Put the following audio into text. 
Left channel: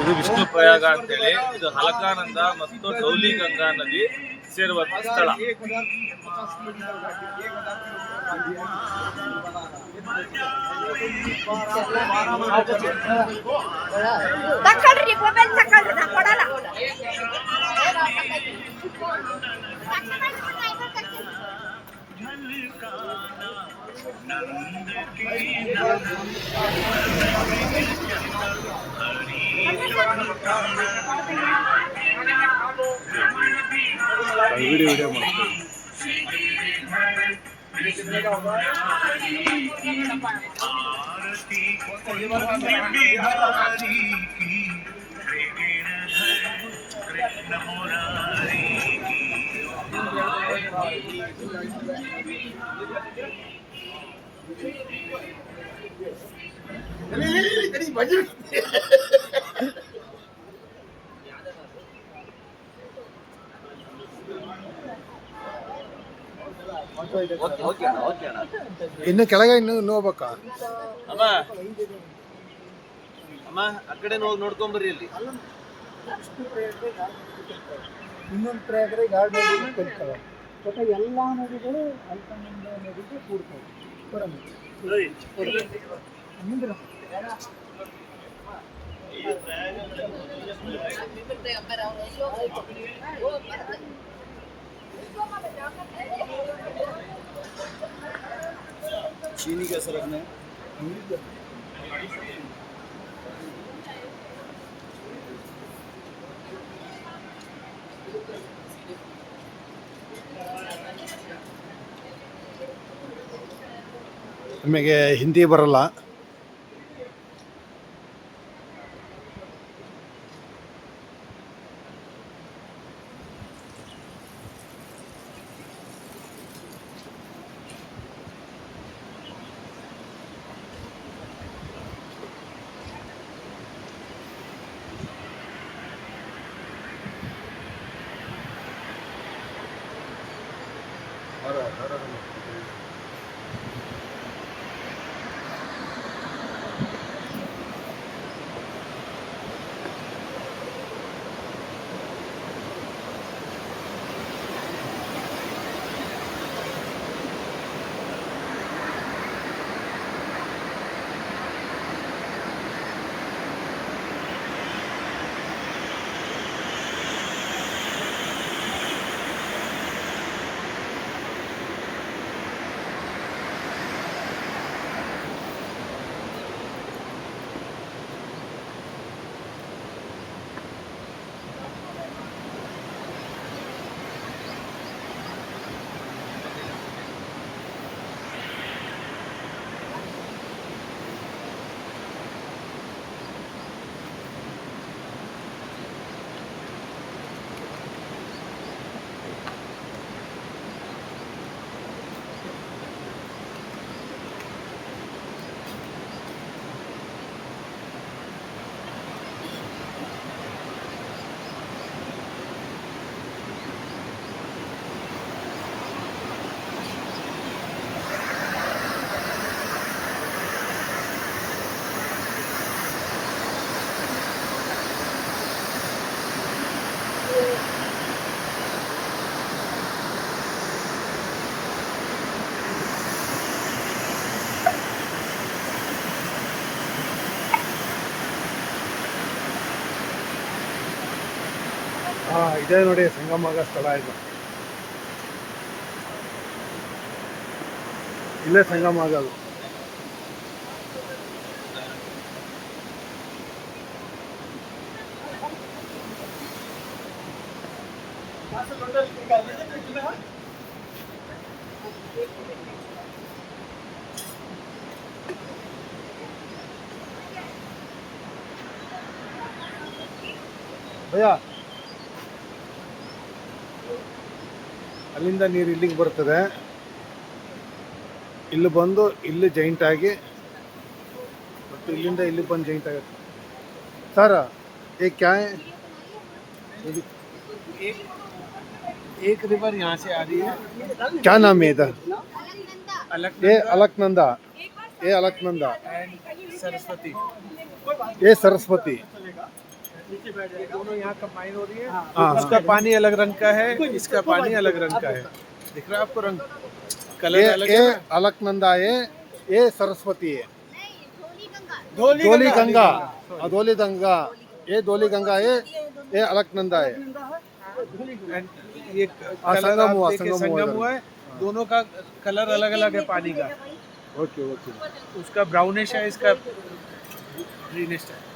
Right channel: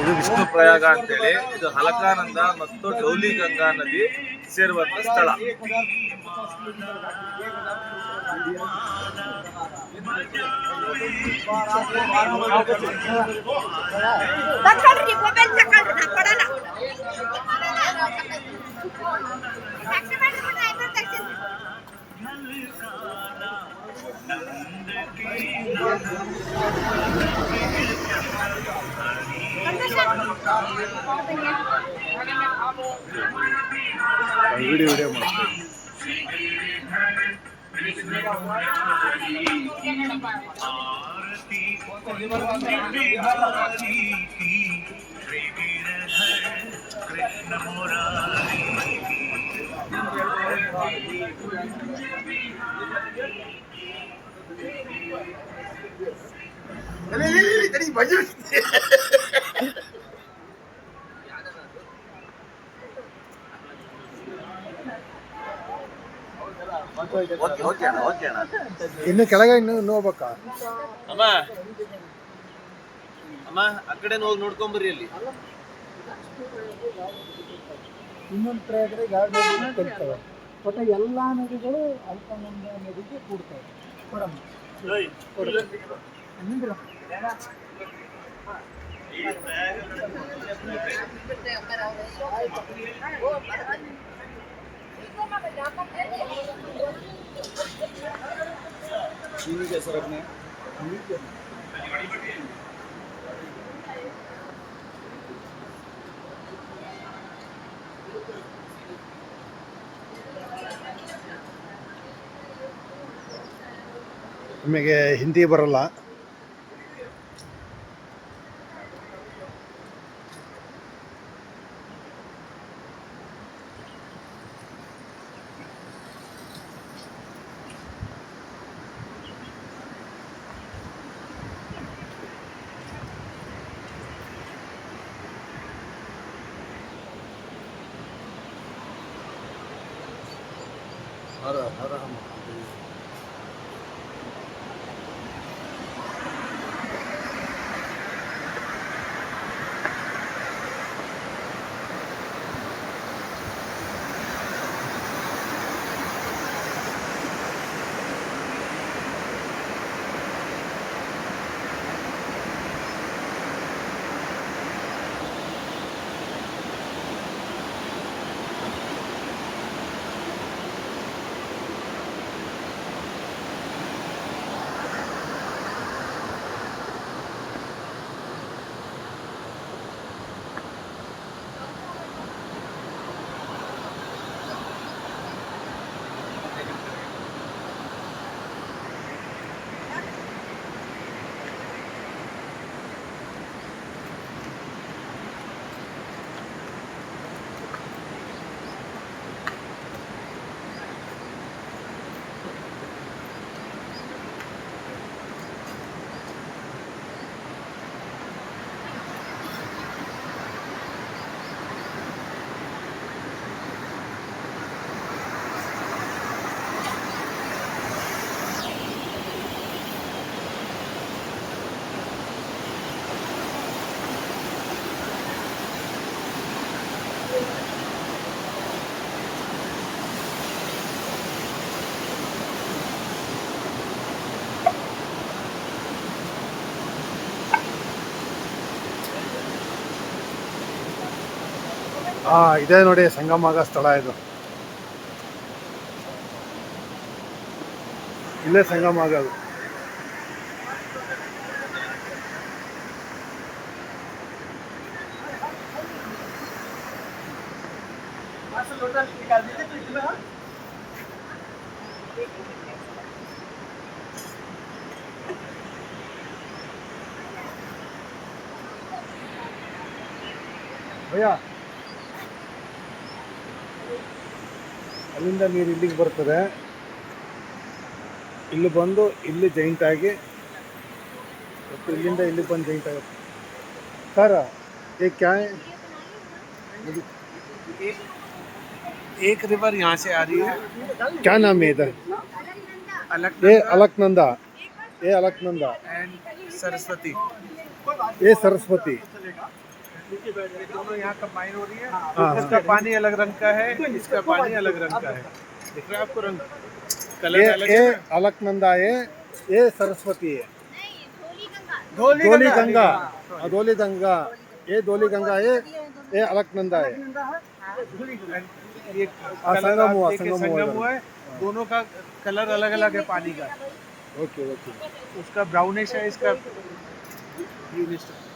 ಇದು ವಿಷ್ಣು ಪ್ರಯಾಗ ಅಂತೇಳಿ. ಇದು ಹಲಕಾನಂದ ಮತ್ತು ಡೌಲಿ ಗಂಗಾ ನದಿ ಸೇರುವಂತ ಸ್ಥಳ. ವಿಡಿಯೋ ಮಾಡ್ತೀವಿ. ಇನ್ನು ಕೆಳಗೆ ಇನ್ನು ಹೋಗ್ಬೇಕಾ? ಅಮ್ಮ ಅಮ್ಮ ಆ ಕಡೆ ನೋಡ್ಕೊಂಬರ್ರಿ. ಅಲ್ಲಿ ಇನ್ನೊಂದು ಪ್ರಯಾಗರ ಎರಡು ನದಿ ಕಲಿತವೆ. ಒಟ್ಟು ಎಲ್ಲ ನದಿಗಳು ಅಲ್ಪಾನಂದ ನದಿಗೆ ಕೂಡ್ತವೆ. चीनी के सरक में ನಮಗೆ ಹಿಂದಿ ಬರಲ್ಲ. ಹರ ಹರ ಮಹಾದೇವ. ಇದೇ ನೋಡಿ ಸಂಗಮ ಆಗೋ ಸ್ಥಳ ಇದು. ಇಲ್ಲೇ ಸಂಗಮ ಆಗೋದು. ಭಯ್ಯ, ಅಲ್ಲಿಂದ ನೀರು ಇಲ್ಲಿಗೆ ಬರ್ತದೆ. ಇಲ್ಲಿ ಬಂದು ಇಲ್ಲಿ ಜಾಯಿಂಟ್ ಆಗಿ ಮತ್ತು ಇಲ್ಲಿಂದ ಇಲ್ಲಿ ಬಂದು ಜಾಯಿಂಟ್ ಆಗುತ್ತೆ. सर ये क्या है? एक रिवर यहाँ से आ रही है. क्या नाम है इधर? ये अलकनंदा. ये अलकनंदा एंड सरस्वती. ये सरस्वती. ये दोनों यहाँ कंबाइन हो रही है। हाँ, इसका पानी अलग रंग का है, इसका पानी अलग रंग का है। दिख रहा है आपको रंग? कलर ये अलग ये है ना? अलकनंदा है, ये सरस्वती है। धोली धोली गंगा। गंगा, धोली गंगा, ये धोली गंगा है, ये अलकनंदा है। ये संगम हुआ, संगम संगम हुआ इधर। हुआ है। दोनों का कलर अलग अलग है पानी का। Okay okay. उसका ब्राउनिश है, इसका ग्रीनिश है।